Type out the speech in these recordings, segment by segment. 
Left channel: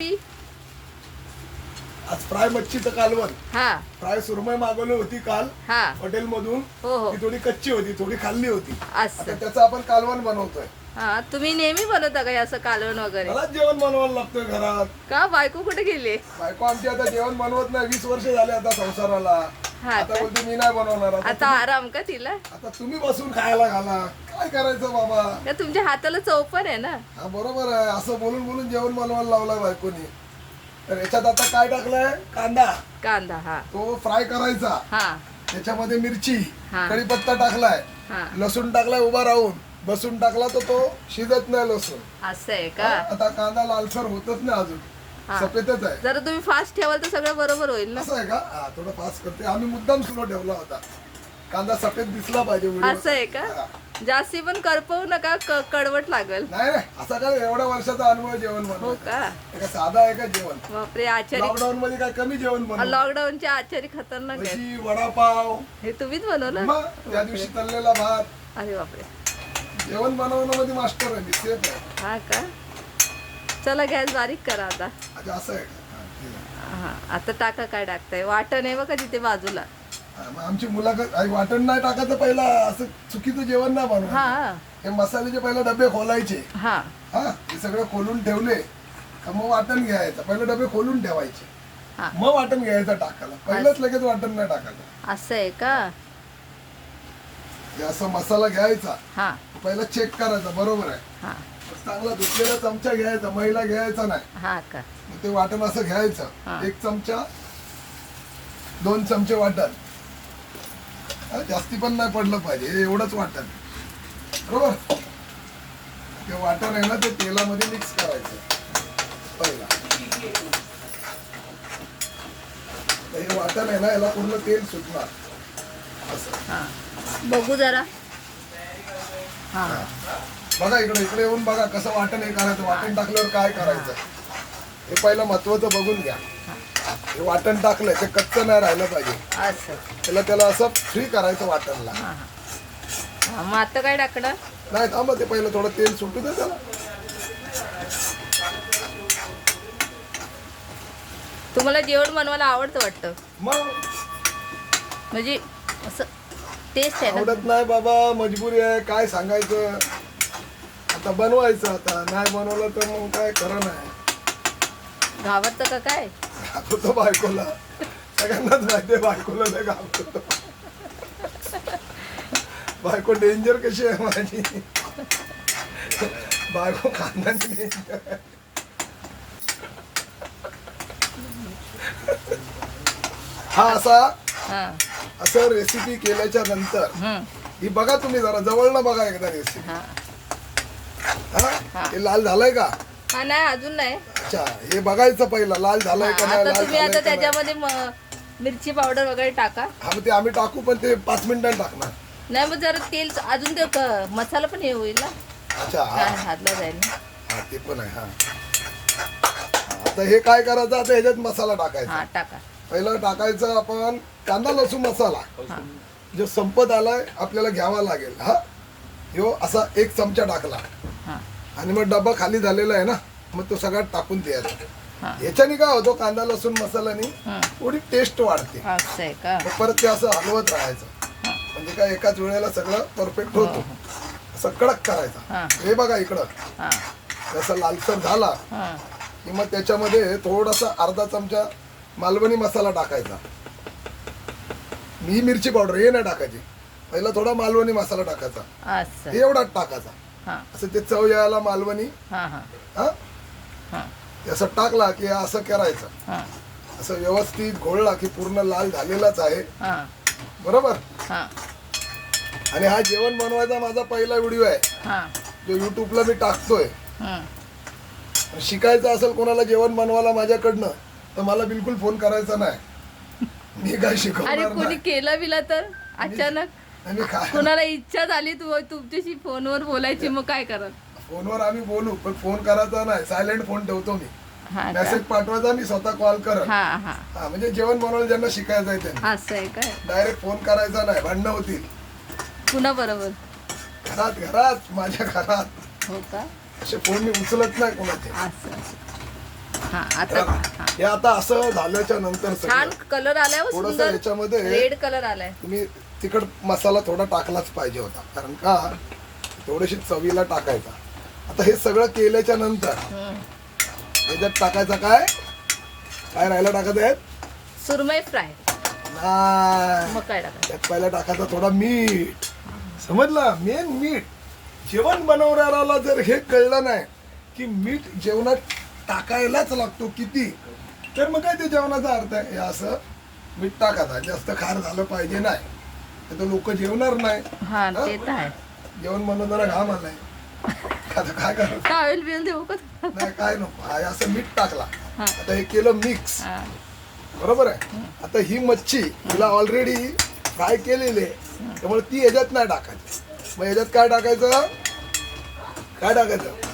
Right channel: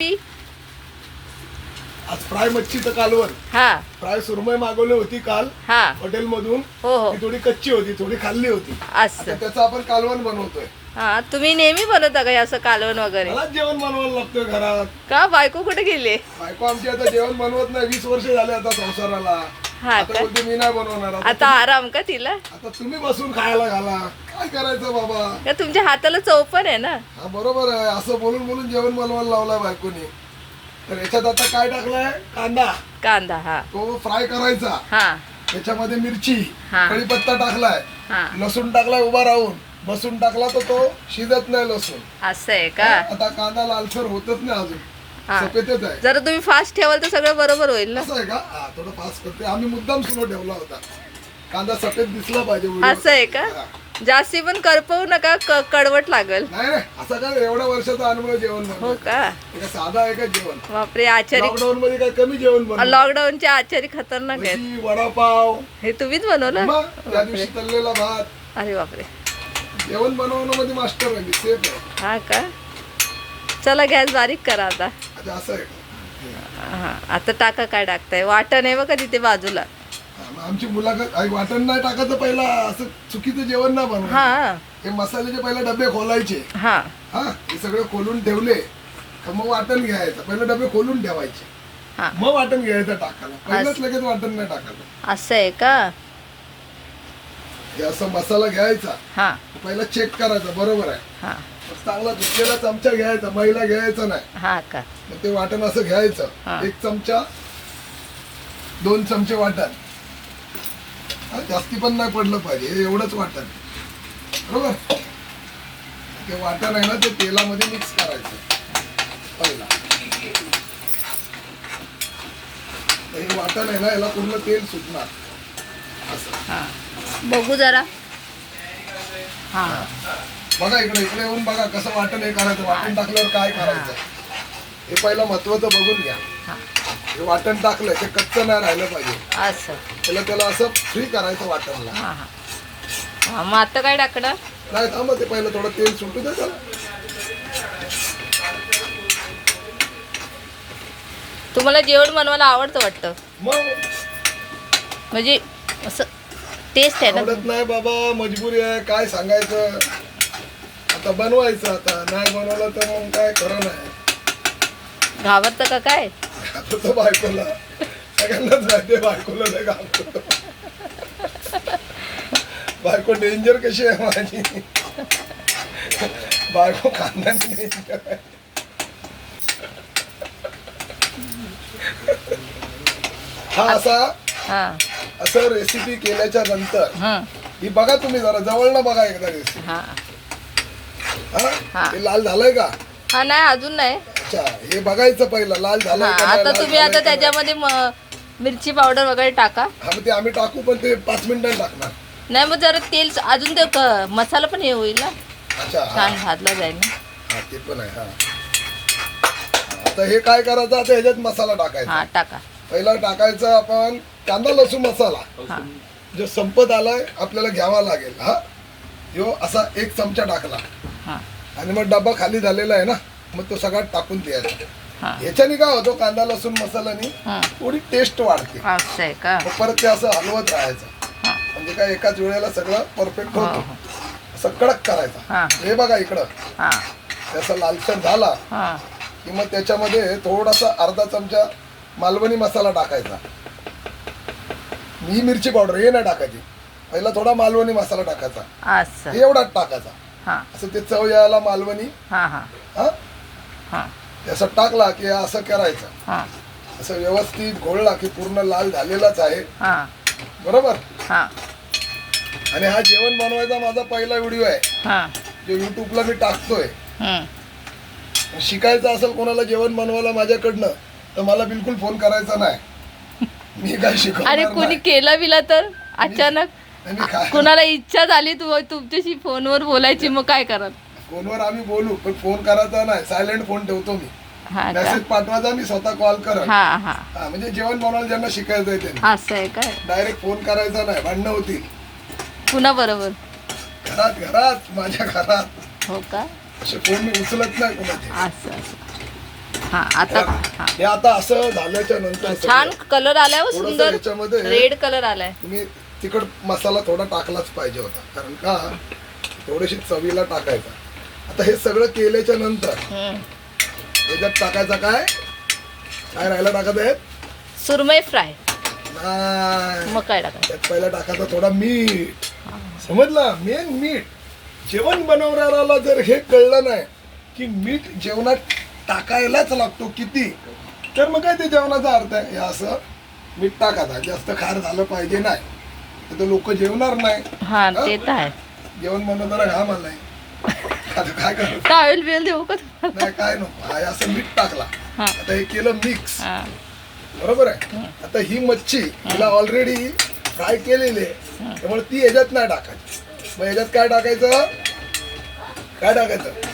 आज फ्राय मच्छीचं कालवण. हा फ्राय सुरमई मागवली होती काल हा हॉटेल मधून. हो हो ती थोडी कच्ची होती, थोडी खाल्ली होती. असं आता त्याचं आपण कालवण बनवतोय. हा तुम्ही नेहमी बनवता का हे असं कालवण वगैरे? मला जेवण बनवायला लागतोय घरात. का बायको कुठे गेली? बायको आमची आता जेवण बनवत नाही, 20 वर्ष झाले आता संसाराला. हा आता का? बोलते मी नाही बनवणार. आता आराम का तिला? आता तुम्ही बसून खायला घाला, काय करायचं बाबा. का तुमच्या हाताला चव पण आहे ना? हा बरोबर आहे, असं बोलून बोलून जेवण बनवायला लावलाय बायकोनी. तर याच्यात आता काय टाकलाय? कांदा. कांदा हा तो फ्राय करायचा. हा त्याच्यामध्ये मिरची, हा. कढीपत्ता टाकलाय, हा लसूण टाकलाय उभा राहून. लसूण टाकला तर तो शिजत नाही लसूण. असं आहे का? आता कांदा लालसर होतच नाही अजून, हा. सफेदच आहे. जरा तुम्ही फास्ट ठेवाल तर सगळं बरोबर होईल ना. असं आहे का? हा, थोडं फास्ट करते आम्ही, मुद्दाम सुरू ठेवला होता. कांदा सफेद दिसला पाहिजे व्हिडिओ. असं आहे का? हा. जास्ती पण करपवू नका, कडवट लागल. नाही नाही, असं काय एवढ्या वर्षाचा अनुभव जेवण हो बनवायचा. का? हे काय साधा आहे का जेवण? बापरे आचारी लॉकडाऊन मध्ये काय कमी जेवण बनवलं? लॉकडाऊनचे आचारी खतरनाक आहेत. भजी, वडापाव, हे तुम्हीच बनवलं? मग त्या दिवशी तळलेला भात. अरे बापरे जेवण बनवण्यामध्ये मास्टर आहे मी, सेफ आहे. हा का? चला गॅस बारीक करा आता. अच्छा असं आहे का? हा आता टाका, काय टाकताय? वाटण आहे बघा तिथे बाजूला. हा, मग आमची मुलाखत आई वाटण नाही टाकायचं पहिला, असं चुकीचं जेवण ना बनवायचं. हा हे मसाल्याचे पहिले डबे खोलायचे. हा हा हे सगळे खोलून ठेवले का मग वाटण घ्यायचं. पहिले डबे खोलून ठेवायचे, हा मग वाटण घ्यायचं टाकायला. पहिलंच लगेच वाटण नाही टाकायचं. असं आहे का? हे असं मसाला घ्यायचा, हा पहिला चेक करायचा बरोबर आहे. हा चांगला धुतलेला चमचा घ्यायचा, मैला घ्यायचा नाही. हा का? मग ते वाटण असं घ्यायचं. हा. 1 चमचा 2 चमचे वाटण. हा, जास्ती पण नाही पडलं पाहिजे, हे एवढंच वाटण बरोबर. ते वाटण आहे ना, ते तेलामध्ये मिक्स करायचं पहिला. तर हे वाटण आहे ना, याला पूर्ण तेल सुटणार असं. हा बघू जरा. हा बघा इकडे, इकडे येऊन बघा कसं वाटण हे करायचं. वाटण टाकल्यावर काय करायचं हे पहिलं महत्वाचं बघून घ्या. हा हे वाटण टाकलंय ते कच्चं नाही राहिलं पाहिजे. असं. त्याला असं फ्री करायचं वाटणला. हा हा हा मग आता काय टाकणार? नाही थांबा, ते पहिलं थोडं तेल सुटू दे त्याला. तुम्हाला जेवण बनवायला आवडतं वाटतं, मग म्हणजे असं टेस्ट आहे ना? आवडत नाही बाबा, मजबुरी आहे, काय सांगायचं. आता बनवायचं, आता नाही बनवलं तर मग काय खरं नाही. घाबरतं का काय? घाबरतो बायकोला, सगळ्यांनाच माहिती आहे बायकोला नाही घाबरतो. बायको डेंजर कशी आहे माझी. बायको खानदानी डेंजर आहे. हा असा हा असं रेसिपी केल्याच्या नंतर हं, ही बघा, तुम्ही जरा जवळनं बघा एकदा रेसिपी. हा हा हा. हे लाल झालंय का? हा नाही अजून नाही. अच्छा, हे बघायचं पहिलं लाल हा झालंय का नाही, आता लाल तुम्ही झालंय आता का नाही. त्याच्यामध्ये मिरची पावडर वगैरे टाका. हा मग ते आम्ही टाकू, पण ते 5 मिनिटांनी टाकणार. नाही मग जरा तेल अजून ते मसाला पण हे होईल ना, अच्छा हा छान भाजला जाईल ना. हा, ते पण आहे. हा आता हे काय करायचं, आता ह्याच्यात मसाला टाकायचा. हा टाका. पहिला टाकायचं आपण कांदा लसूण मसाला. हा जो संपत आलाय आपल्याला घ्यावा लागेल. हा ह्यो असा 1 चमचा टाकला हा आणि मग डबा खाली झालेला आहे ना, मग तो सगळा टाकून द्यायचा. हा ह्याच्याने काय होतो, कांदा लसूण मसाल्याने हं, थोडी टेस्ट वाढते. असं आहे का? तर परत ते असं हलवत राहायचं, हा म्हणजे काय एकाच वेळेला सगळं परफेक्ट हो होतो. हो. असं कडक करायचा. हा हे बघा इकडं हा असं लालसर झाला हा की मग त्याच्यामध्ये थोडासा अर्धा चमचा मालवणी मसाला टाकायचा. ही मिरची पावडर हे नाही टाकायची, पहिला थोडा मालवणी मसाला टाकायचा. असं. हे एवढाच टाकायचा. हा असं ते चव यायला मालवणी. हा हा हा हा ते असं टाकला की असं करायचं. हा असं व्यवस्थित घोळला की पूर्ण लाल झालेलाच आहे हा बरोबर. हा आणि हा जेवण बनवायचा माझा पहिला व्हिडिओ आहे, हा जो युट्यूबला मी टाकतोय. हं. शिकायचं असेल कोणाला जेवण बनवायला माझ्याकडनं, तर मला बिलकुल फोन करायचा नाही. मी काय अरे शिकवणार कोणी नाही. केलं बिला तर अचानक मी काय कोणाला इच्छा झाली तुमच्याशी फोनवर बोलायची, मग काय करत? फोनवर आम्ही बोलू, पण फोन करायचा नाही, सायलेंट फोन ठेवतो मी. हा का? मेसेज पाठवायचा, मी स्वतः कॉल करत. हा हा हा म्हणजे जेवण बनवायला ज्यांना शिकायचं आहे त्यांनी असं आहे काय? डायरेक्ट फोन करायचा नाही, भांडणं होती पुन्हा बरोबर. घरात. घरात माझ्या घरात हो का? असे फोन मी उचलत नाही कोणाचे. असं असं. हा आता हा हे आता असं झाल्याच्या नंतर छान कलर आलाय हो, थोडंसं सुंदर याच्यामध्ये रेड कलर आलाय. तुम्ही तिखट मसाला थोडा टाकलाच पाहिजे होता, कारण का थोडीशी चवीला टाकायचा. आता हे सगळं केल्याच्या नंतर याच्यात टाकायचं काय काय राहायला टाकत आहेत सुरमई फ्राय. नाही, मग काय टाकायचं? त्यात पहिला टाकायचा थोडा मीठ. समजला? मेन मीठ. जेवण बनवणाऱ्याला जर हे कळलं नाही की मीठ जेवणात टाकायलाच लागतो किती, तर मग काय ते जेवणाचा अर्थ आहे. हे असं मीठ टाकायचं, जास्त खार झालं पाहिजे नाही, तर लोक जेवणार नाही. हा ते तर आहे. जेवण बनवताना घाम आलाय, आता काय करायचं? टावेल बिल देऊ का? नाही काय नको, हा असं मीठ टाकला. हा. आता हे केलं मिक्स, हा. बरोबर आहे. आता ही मच्छी तिला ऑलरेडी फ्राय केलेली आहे, त्यामुळे ती याच्यात नाही टाकायची. मग याच्यात काय टाकायचं, काय टाकायचं,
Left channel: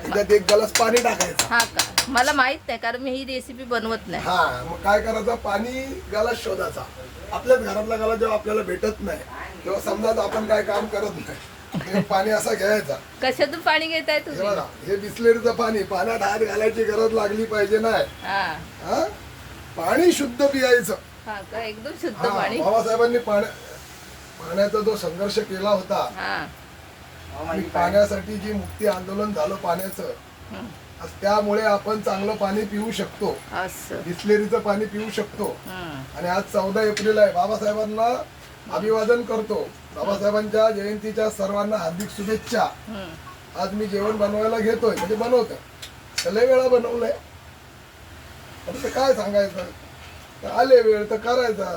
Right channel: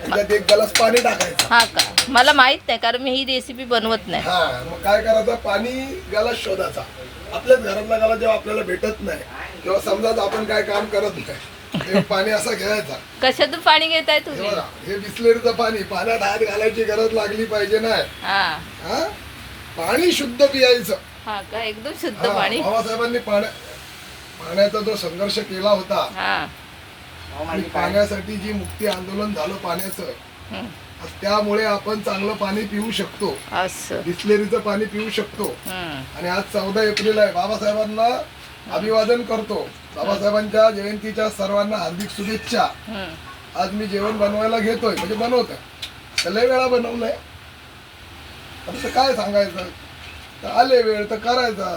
याच्यात एक ग्लास पाणी टाकायचं. हा का? मला माहित नाही, कारण मी ही रेसिपी बनवत नाही. हा, मग काय करायचं, पाणी ग्लास शोधायचा. आपल्याच घरातला गाला जेव्हा आपल्याला भेटत नाही किंवा समजा आपण काय काम करत नाही, तेव्हा पाणी असा घ्यायचा. कशातून पाणी घेताय हे तुम्ही? बघा, हे बिस्लेरीचं पाणी, पाण्यात हात घालायची गरज लागली पाहिजे नाही. हा हा, पाणी शुद्ध पियायचं. हा का? एकदम शुद्ध हा, पाणी. बाबासाहेबांनी पाण्याचा जो संघर्ष केला होता हा. आणि पाण्यासाठी जी मुक्ती आंदोलन झालं पाण्याचं, हम्म. त्यामुळे आपण चांगलं पाणी पिऊ शकतो, असं. बिस्लेरीचं पाणी पिऊ शकतो. हम्म. आणि आज 14 एप्रिल आहे, बाबासाहेबांना अभिवादन करतो. बाबासाहेबांच्या जयंतीच्या सर्वांना हार्दिक शुभेच्छा. हम्म. आज मी जेवण बनवायला घेतोय, म्हणजे बनवतोय, लय वेळा बनवलंय. आता काय सांगायचं, तर आले वेळ तर करायचा.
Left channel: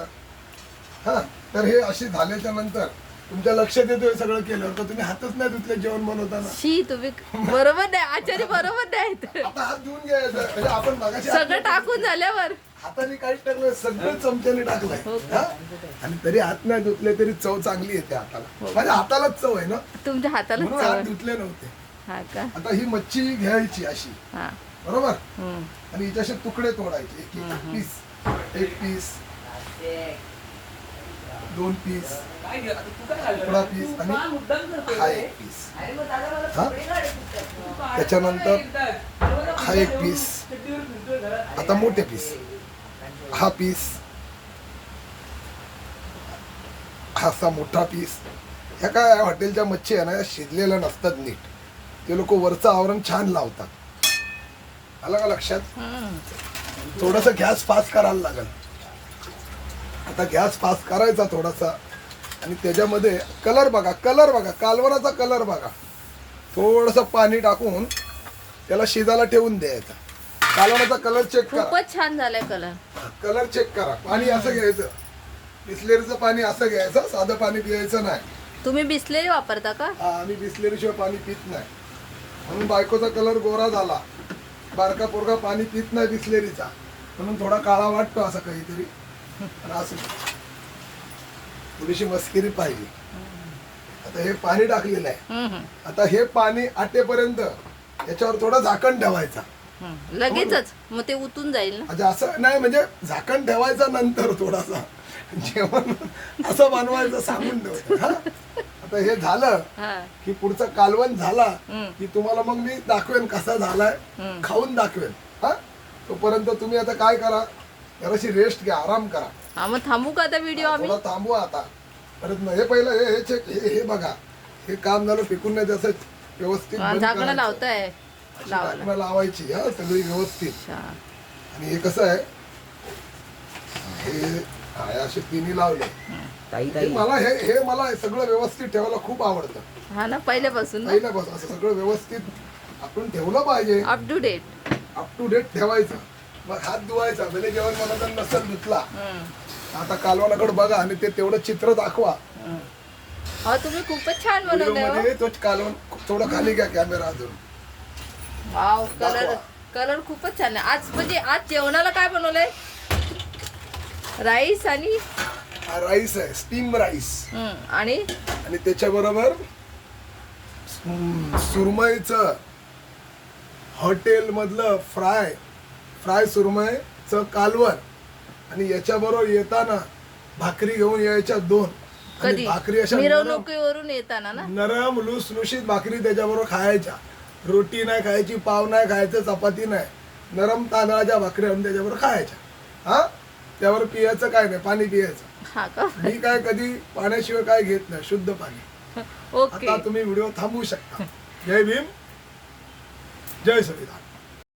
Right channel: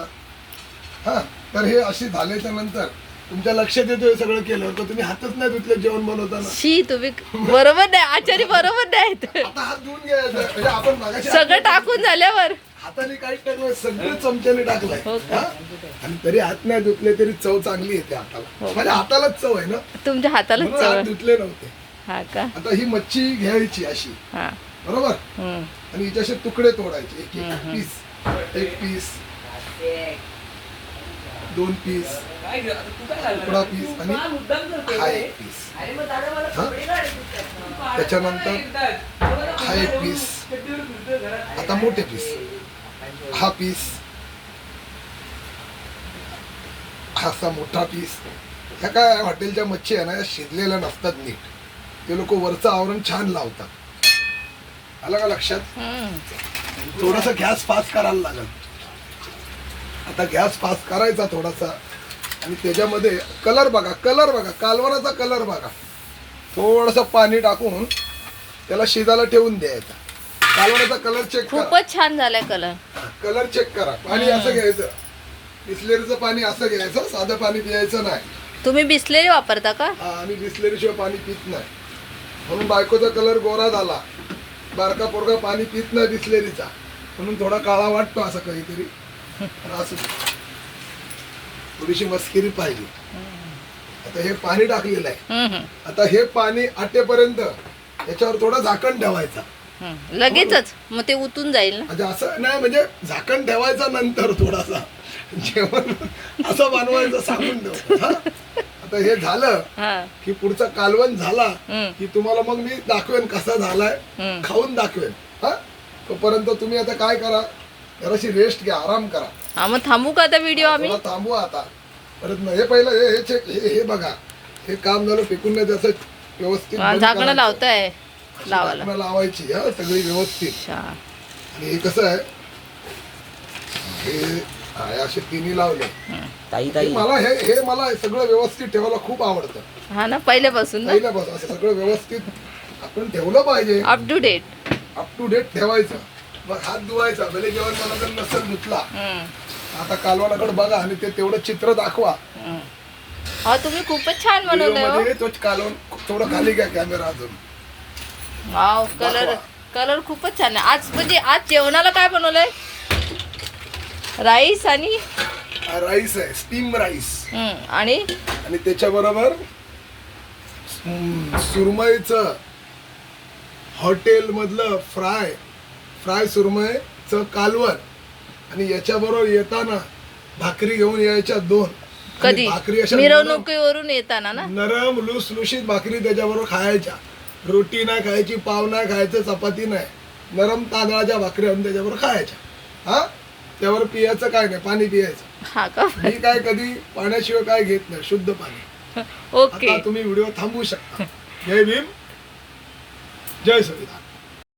हा, तर हे अशी झाल्याच्या नंतर तुमच्या लक्षात येतं सगळं केलं तर तुम्ही हातच नाही धुतले जेवण बनवताना. शी तुम्ही बरोबर नाही, आचारी बरोबर नाही. आता हात धुवून घ्यायचं, म्हणजे आपण मागाशी सगळं टाकून झाल्यावर हाताने काहीच टाकलं, सगळं चमच्याने टाकलंय. हो का? हा? आणि तरी हात नाही धुतले तरी चव चांगली येते हाताला. हो. माझ्या हातालाच चव आहे ना, तुमच्या हातालाच म्हणून हात चव. धुतले नव्हते. हा का? आता ही मच्छी घ्यायची अशी, हा. बरोबर, हम्म. आणि हिचे तुकडे तोडायचे, एक एक पीस, एक पीस, 2 पीस, तुकडा पीस आणि हा एक पीस. हा? त्याच्यानंतर हा एक पीस, आता मोठे पीस, हा पीस, हा असा मोठा पीस. ह्या काय हॉटेलच्या मच्छी आहे ना, या शिजलेल्या नसतात नीट, ते लोक वरचं आवरण छान लावतात. आलं का लक्षात? हम्म. थोडासा गॅस फास्ट करायला लागेल. आता गॅस फास्ट करायचा थोडासा, आणि त्याच्यामध्ये कलर बघा, कालवणाचा कलर बघा. थोडंसं पाणी टाकून त्याला शिजायला ठेवून द्यायचा. कालवणाचा कलर चेक करा, खूपच छान झालाय कलर. कलर चेक करा. पाणी असं घ्यायचं, बिस्लेरीचं पाणी असं घ्यायचं, साधं पाणी पियायचं नाही. तुम्ही बिस्लेरी वापरता का? हा, आम्ही बिस्लेरीशिवाय पाणी पित नाही, म्हणून बायकोचा कलर गोरा झाला. बारका पोरगा पाणी पित नाही बिस्लेरीचा, म्हणून थोडा काळा वाटतो असा काहीतरी. असं थोडीशी मस्करी पाहिजे. आता हे पाणी टाकलेलं आहे, हम्म. आता हे पाणी आटेपर्यंत याच्यावर थोडं झाकण ठेवायचा. हम्म. लगेचच मग ते उतून जाईल ना. म्हणजे असं नाही, म्हणजे झाकण ठेवायचा नंतर थोडासा जेवण असं बनवायचं सांगून ठेव. हा? आता हे झालं हा. की पुढचं कालवण झाला हम्म. की तुम्हाला मग मी दाखवेन कसा झालाय, हम्म. खाऊन दाखवेन. हा, तोपर्यंत तुम्ही आता काय करा, जराशी रेस्ट घ्या, आराम करा. हा, मग थांबू का आता व्हिडिओ आम्ही? थोडा थांबवा आता. परत नाही, हे पहिलं हे चेक, हे बघा, हे काम झालं टिकून नाही त्याचं व्यवस्थित बंद झाकणं करायचं. लावताय अशी लावायला. झाकणं लावायची, हा, सगळी व्यवस्थित. अच्छा. आणि हे कसं आहे, हे असे तिन्ही लावले. हे मला सगळं व्यवस्थित ठेवायला खूप आवडतं. हा ना, पहिल्यापासून ना. पहिल्यापासून असं सगळं व्यवस्थित आपण ठेवलं पाहिजे. Up to date. Up to date ठेवायचं. मग हात धुवायचा, भले जेवण बनवताना नसेल धुतला, आता कालवणाकडे बघा आणि ते तेवढं चित्र दाखवा. हा, तुम्ही खूपच छान बनवलंय हो. व्हिडिओमध्ये तोच कालवण थोडं खाली घ्या कॅमेरा अजून. वाव, कलर कलर खूपच छान आहे. आज म्हणजे आज जेवणाला काय बनवलंय? राईस आणि राईस आहे, स्टीम राईस. आणि त्याच्याबरोबर सुरमईचं हॉटेल मधलं फ्राय सुरमईचं कालवण. आणि याच्याबरोबर येताना भाकरी घेऊन यायच्या 2. कधी भाकरी अशा मिरवणुकीवरून येताना ना, नरम लुसलुशीत भाकरी त्याच्याबरोबर खायच्या. रोटी नाही खायची, पाव नाही खायचं, चपाती नाही, नरम तांदळाच्या भाकरी आणून त्याच्याबरोबर खायच्या हा त्यावर पियाचं काय नाही पाणी पियायचं हा का मी काय कधी पाण्याशिवाय काय घेत नाही शुद्ध पाणी ओके आता तुम्ही व्हिडिओ थांबवू शकता जय भीम जय संविधान